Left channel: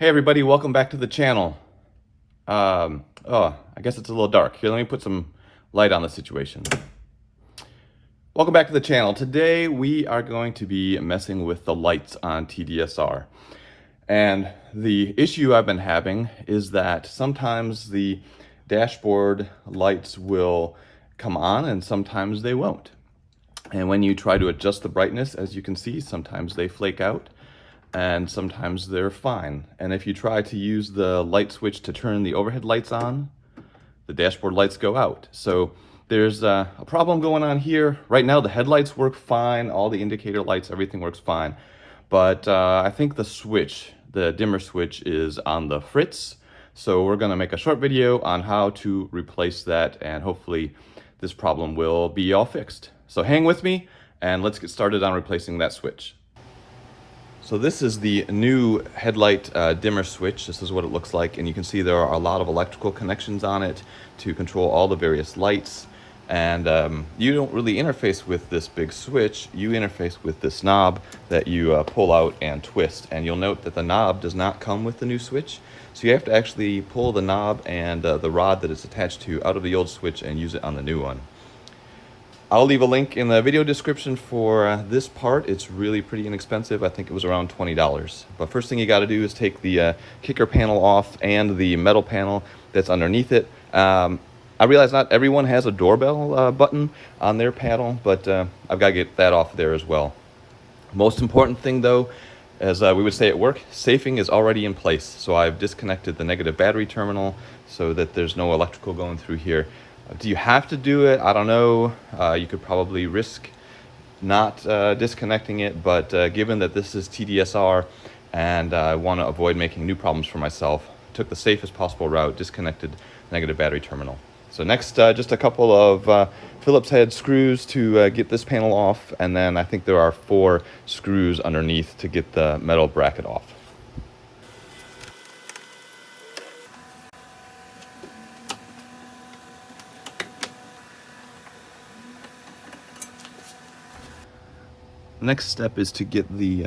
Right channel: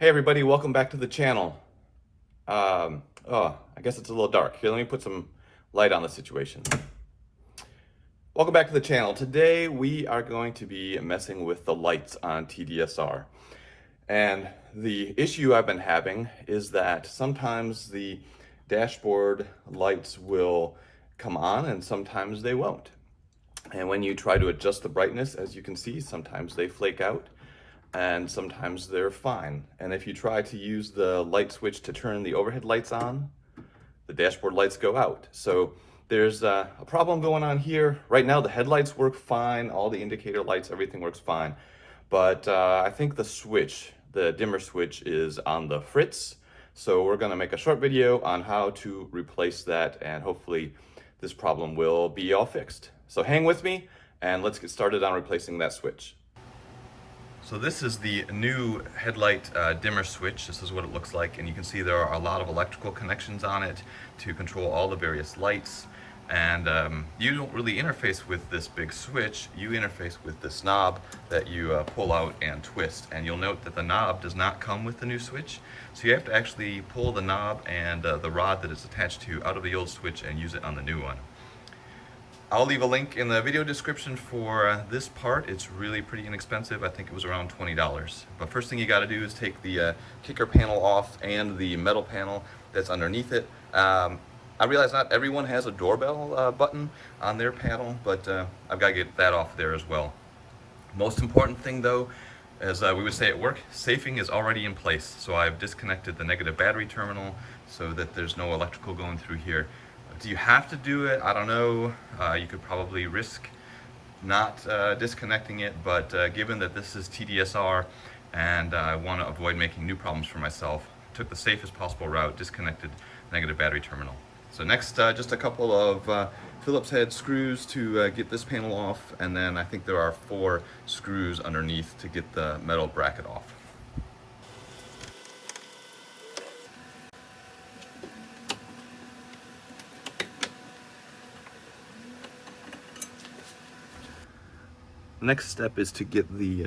Hey everybody, welcome back to the channel. I guess it's a little dark. Here, let me put some light on the situation. Welcome back to the channel. Today we are going to be messing with the lights on TDSR. And the issue I've been having is that sometimes the dashboard lights will come on and sometimes they won't. And when you try to adjust the brightness, as you can see, sometimes they flake out and sometimes they're fine. And if you try to use the light switch to turn the overhead lights on, the dashboard lights go out. So there's a problem going on here. Right now the headlights work fine, all the indicator lights, everything works fine. But I think the switch, the dimmer switch, is on the fritz. So we're gonna make a short video on how to replace that, and hopefully this problem will be all fixed. So hang with me and let's get started on replacing that switch. So this is the new headlight dimmer switch. This is what it looks like, and you can see there are a lot of electrical connections on it to control all the various lights. And you don't really interface with this big switch. You interface with this knob that you pull out and twist. And you'll note that the knob does not come with the new switch. So you have to actually pull the knob and the rod that it's attached to out of the old switch and use it on the new one. I'll leave a link in the video description for this part. It's really pretty inexpensive. I think it was around $20. But first thing you got to do is take the kicker panel off and the metal panel that's underneath it. I realize not everyone has a doorbell button on their panel, but I've got to get that off there as well. Most important thing though, as we would say at work, safing is already in place. So I've disconnected the negative battery terminal so that there's no electrical going through here. Do you have to do it? I don't know. You could probably risk not disconnecting it, but given that this is TDSR and I want to avoid making new problems for myself, took the safest possible route, disconnected negative battery terminal. So next, just a couple of Phillips head screws to get this panel off, and then I think there are 4 screws underneath to get the metal bracket off. The next step is to get the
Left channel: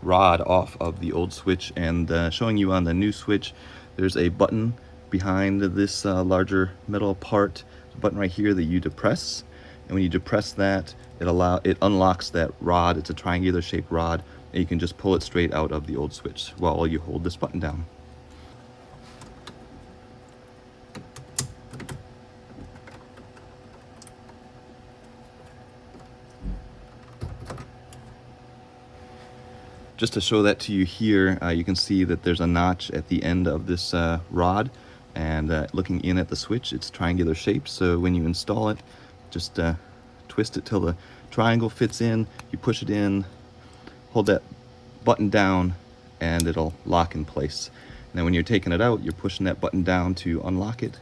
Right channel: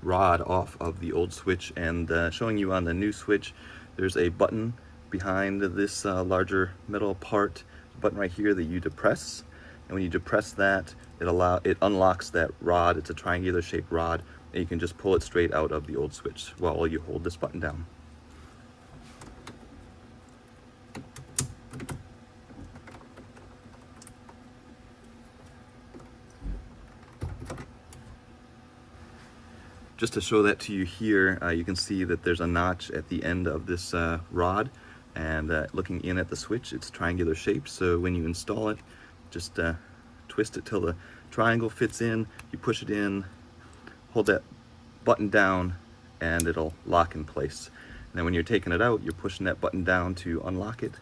rod off of the old switch, and showing you on the new switch, there's a button behind this larger metal part, a button right here that you depress, and when you depress that, it unlocks that rod. It's a triangular shaped rod, and you can just pull it straight out of the old switch while you hold this button down. Just to show that to you here, you can see that there's a notch at the end of this rod, and looking in at the switch, it's triangular shape. So when you install it, just twist it till the triangle fits in, you push it in, hold that button down, and it'll lock in place. And then when you're taking it out, you're pushing that button down to unlock it,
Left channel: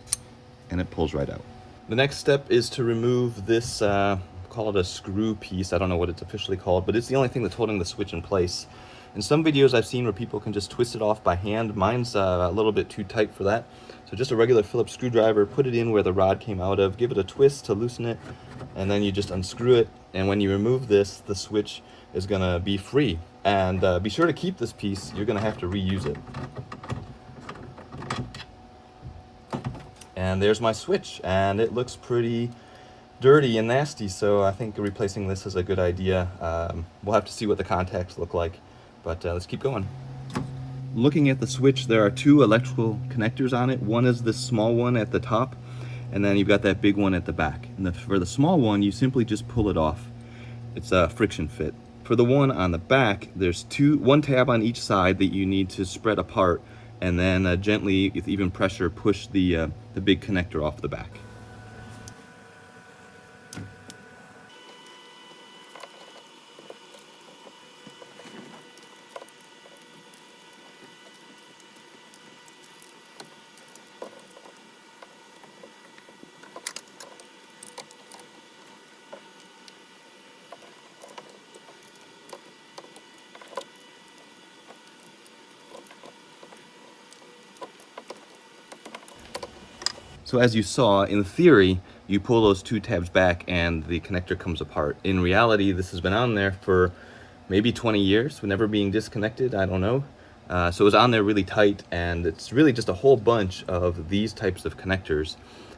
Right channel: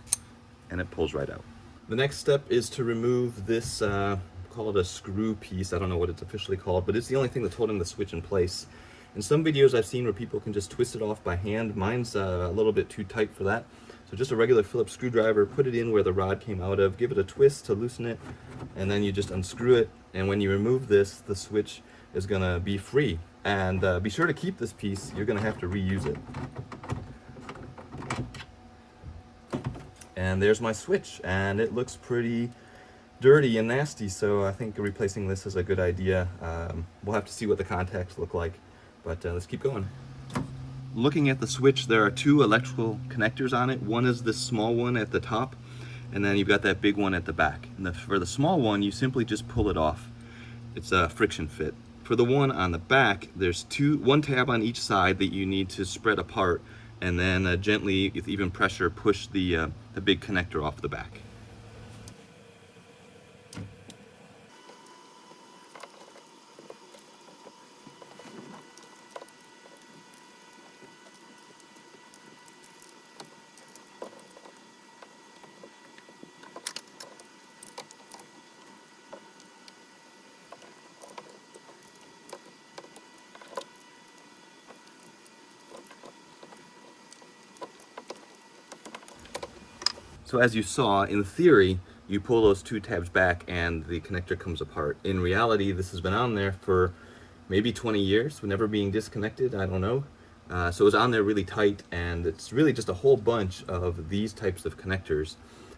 and it pulls right out. The next step is to remove this, call it a screw piece. I don't know what it's officially called, but it's the only thing that's holding the switch in place. In some videos I've seen where people can just twist it off by hand. Mine's a little bit too tight for that. So just a regular Phillips screwdriver, put it in where the rod came out of, give it a twist to loosen it, and then you just unscrew it. And when you remove this, the switch is gonna be free. And be sure to keep this piece. You're gonna have to reuse it. And there's my switch, and it looks pretty dirty and nasty, so I think replacing this is a good idea. We'll have to see what the contacts look like, but let's keep going. Looking at the switch, there are 2 electrical connectors on it. One is this small one at the top, and then you've got that big one at the back. And for the small one, you simply just pull it off. It's a friction fit. For the one on the back, there's 1 tab on each side that you need to spread apart, and then gently, with even pressure, push the big connector off the back. So as you saw, in theory, you pull those 2 tabs back and the connector comes apart. In reality, this has been on there for maybe 20 years, never being disconnected, I don't know. So it was on there really tight, and it's really just a whole bunch of these types of connectors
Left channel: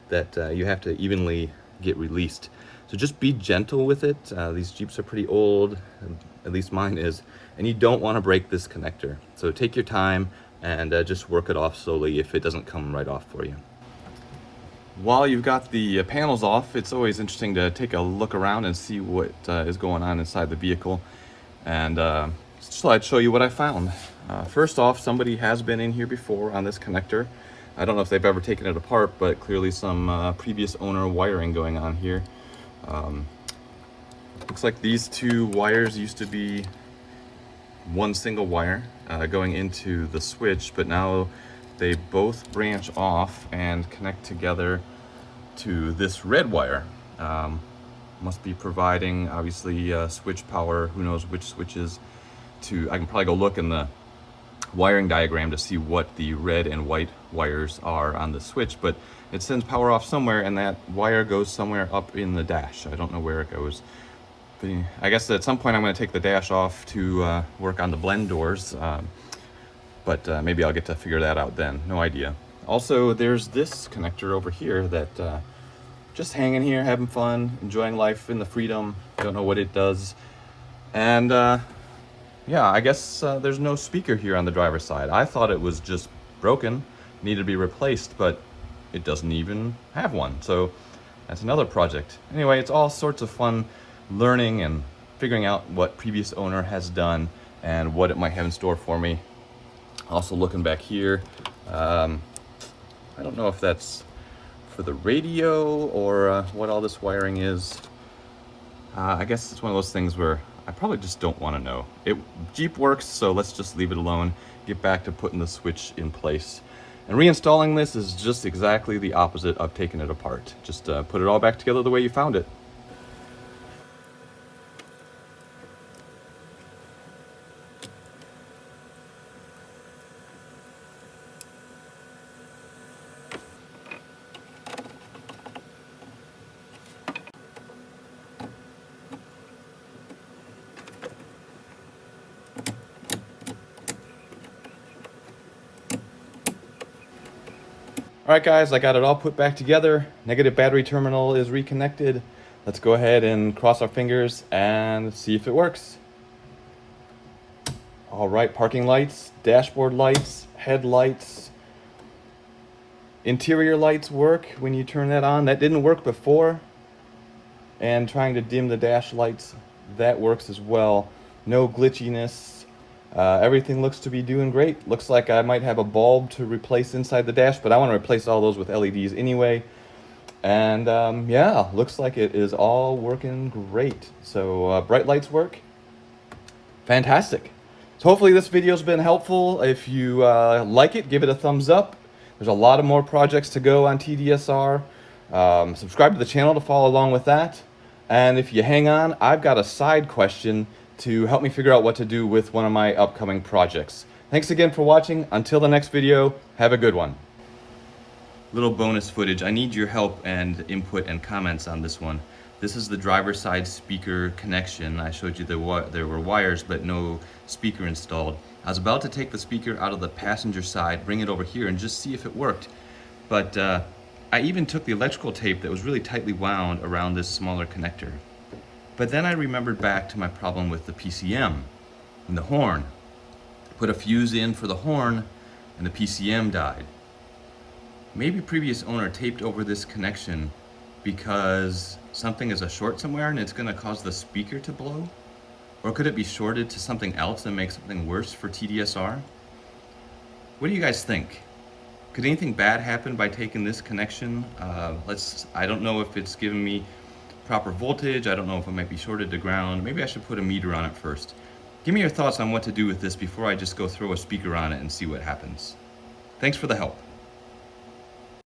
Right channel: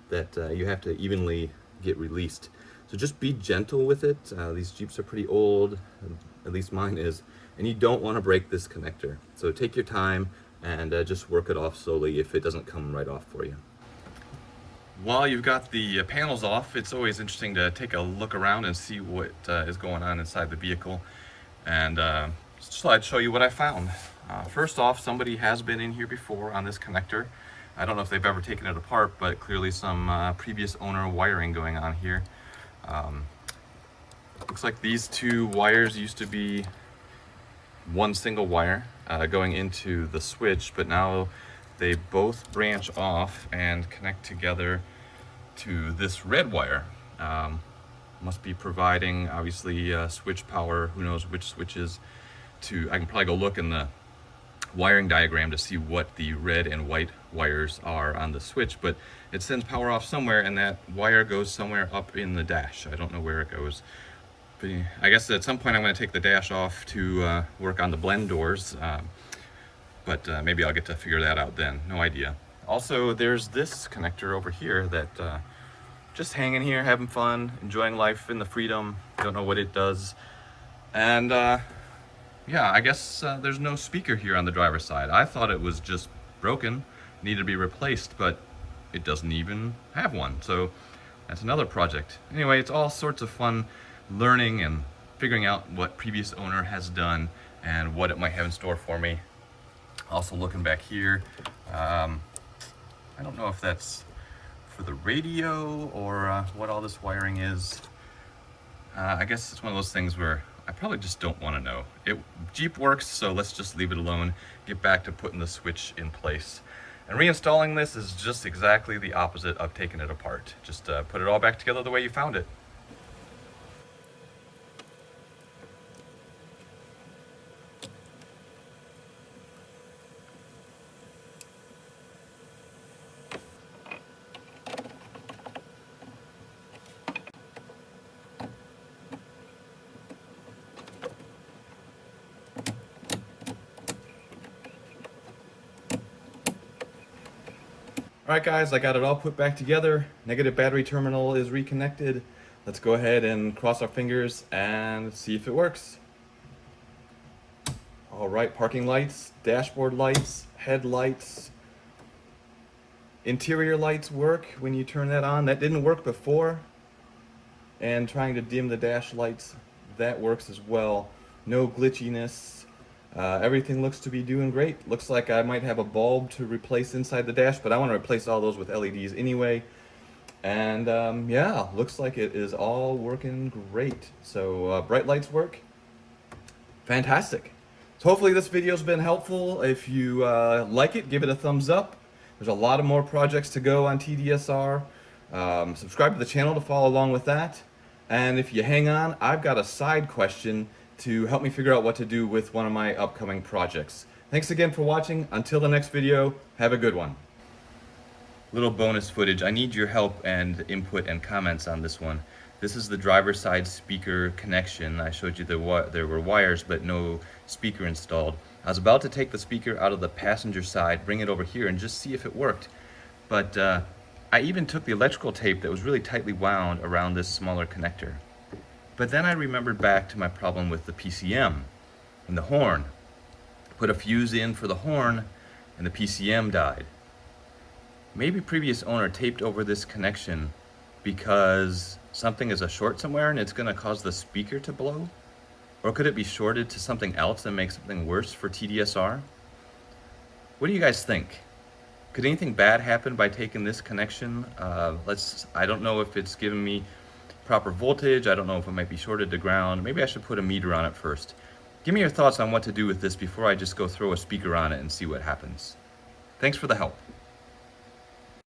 that you have to evenly get released. So just be gentle with it. These Jeeps are pretty old, at least mine is, and you don't want to break this connector. So take your time and just work it off slowly if it doesn't come right off for you. While you've got the panels off, it's always interesting to take a look around and see what is going on inside the vehicle. And so I'd show you what I found. First off, somebody has been in here before on this connector. I don't know if they've ever taken it apart, but clearly some previous owner wiring going on here. Looks like these two wires used to be one single wire going into the switch, but now they both branch off and connect together to this red wire. Must be providing, obviously, switch power, who knows which switches. I can probably go look in the wiring diagram to see what the red and white wires are on the switch, but it sends power off somewhere, and that wire goes somewhere up in the dash. I don't know where it goes. But I guess at some point I'm going to take the dash off to work on the blend doors. But maybe I'll get to figure that out then. No idea. Also, there's this connector over here that just hanging here, having fun, enjoying life in the freedom. Don't know what it does. And yeah, I guess there's no speaker here on the driver's side. I thought it was just broken, needed to be replaced, but it doesn't even have one. So that's another project. Anyway, it's all sorts of fun learning and figuring out what previous owner has done and what it might have in store for me. Also looking back here, I don't know if that's for the radio or what all this wiring is. I guess it's one of those things where I probably just don't want to know. Jeep works, so let's just leave it alone. Get back to putting the switch in place. And reinstalling this is just exactly the opposite of taking it apart. Just put it all back together the way you found it. All right, guys, I got it all put back together. Negative battery terminal is reconnected. Let's go ahead and cross our fingers and see if it works. All right, parking lights, dashboard lights, headlights, interior lights work when you turn that on. That didn't work before. And trying to dim the dash lights, that works as well. No glitchiness. Everything looks to be doing great. Looks like I might have a bulb to replace inside the dash, but I want to replace all those with LEDs anyway. And yeah, looks like it is all working great. So bright lights work. Fantastic. So hopefully this video's been helpful. If you like it, give it a thumbs up. There's a lot of more projects to go on TDSR. Subscribe to the channel to follow along with that. And if you hang on, I've got a side question to help me figure out what to do with one of my upcoming projects. Thanks again for watching. Until the next video, have a good one. Little bonus footage. I need your help and input and comments on this one. This is the driver's side speaker connection. I showed you there were wires but no speaker installed. I was about to take the speaker out of the passenger side, bring it over here and just see if it worked. But I even took the electrical tape that was really tightly wound around this smaller connector. But then I remembered back to my problem with the PCM and the horn. Put a fuse in for the horn and the PCM died. Maybe previous owner taped over this connection because something is a short somewhere and it's going to cause the speaker to blow? Or could it be shorted to something else and make something worse for TDSR? What do you guys think? Could anything bad happen by taking this connection? I don't know if it's giving me proper voltage. I don't know if it might be shorted to ground. Maybe I should put a meter on it first. Give me your thoughts on what to do with this before I just go throw a speaker on it and see what happens. Thanks for the help.